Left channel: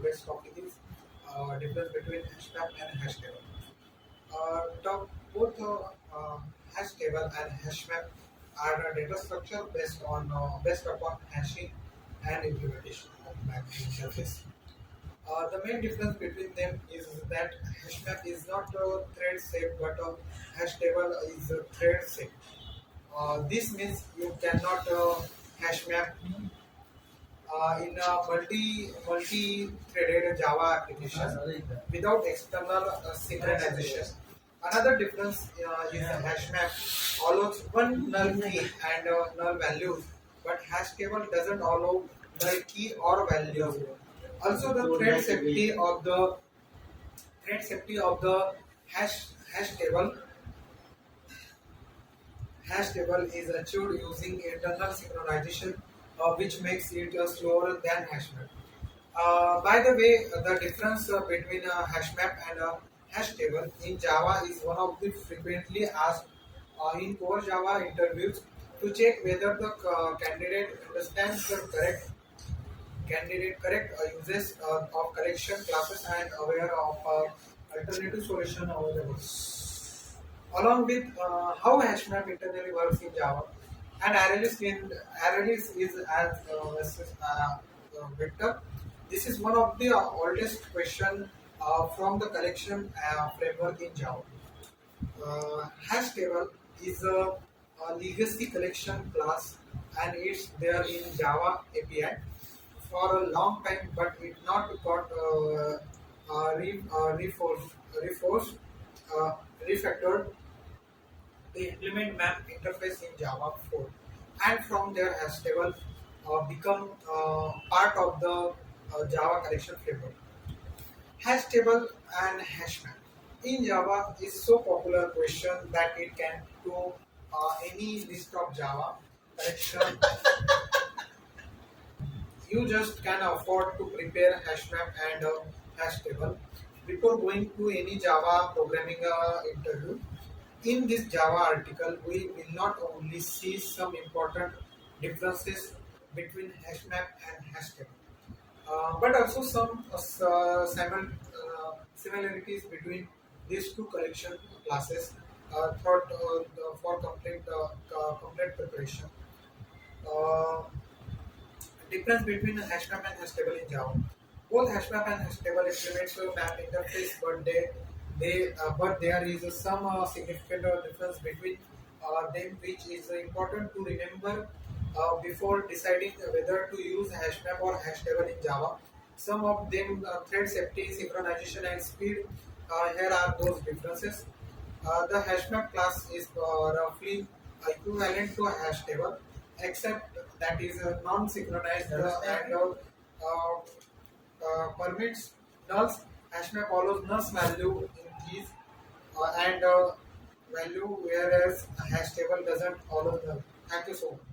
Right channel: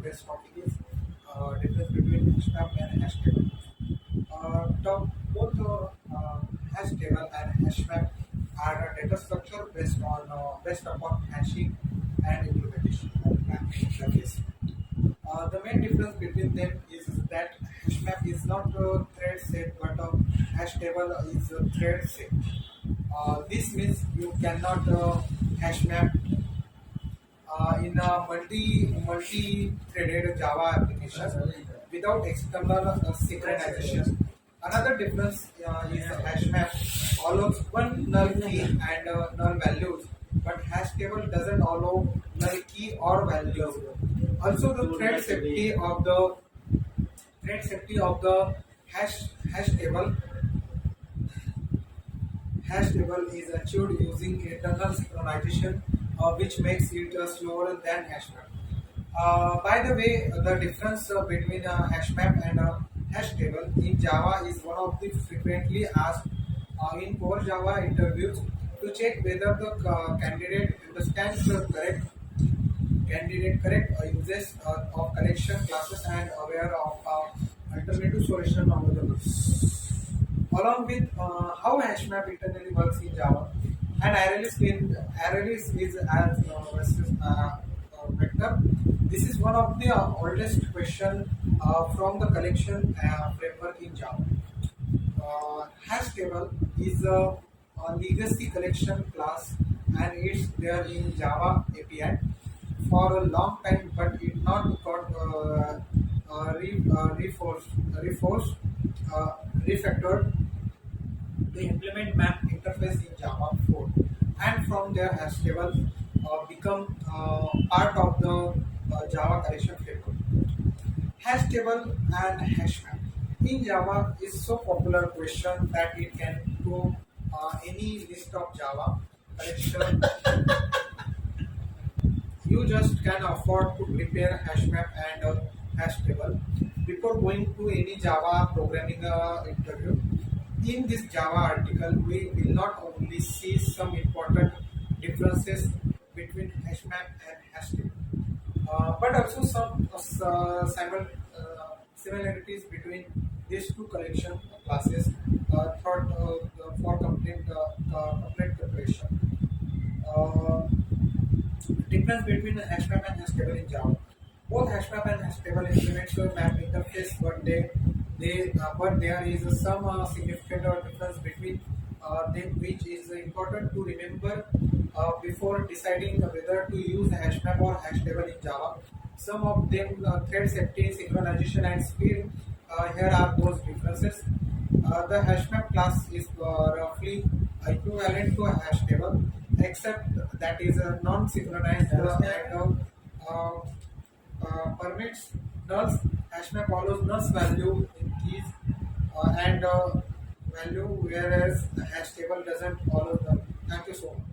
today's topic is difference between hash map and hash table. Both hash table and hash map are a data structure based upon hashing and implementation of map interface. The main difference between them is that hash map is not a thread set, but a hash table is a thread set. This means you cannot hash map in a multi-threaded Java application without external synchronization. Another difference is the hash map allows one null key and null values, but hash table doesn't allow null key or values. Also, the thread safety of the hash table hash table is achieved using internal synchronization, which makes it slower than hash map. By the way, the difference between a hash map and a hash table in Java is one of the frequently asked in core Java interviews to check whether the candidate understands the correct uses of collection classes and aware of alternative solution available. Along with how HashMap internally works in Java, and ArrayList is as vector. This is one of the oldest question from the collection framework in Java. Hash table is a legacy collection class, and it's there in Java API for a long time, but it not got refactored. They implement map interface in Java 4, and from there hash table become part of the Java collection framework. Hash table and hash map in Java is so popular question that it can do any list of Java collection. You just can afford to prepare hash map and hash table before going to any Java programming interview. In this Java article, we will not only see some important differences between hash map and hash table, but also some similarities between these two collection classes for complete preparation. Uh, Difference between a hash map and hash table in Java. Both hash map and hash table implement a map interface, but there is some significant difference between them, which is important to remember before deciding whether to use hash map or hash table in Java. Some of them thread safety, synchronization, and speed. Here are those differences. The hash map class is roughly equivalent to a hash table, except that is non-synchronized permits nulls. Hashmap follows nulls value in keys and value, whereas a hash table doesn't follow them. Thank you so much.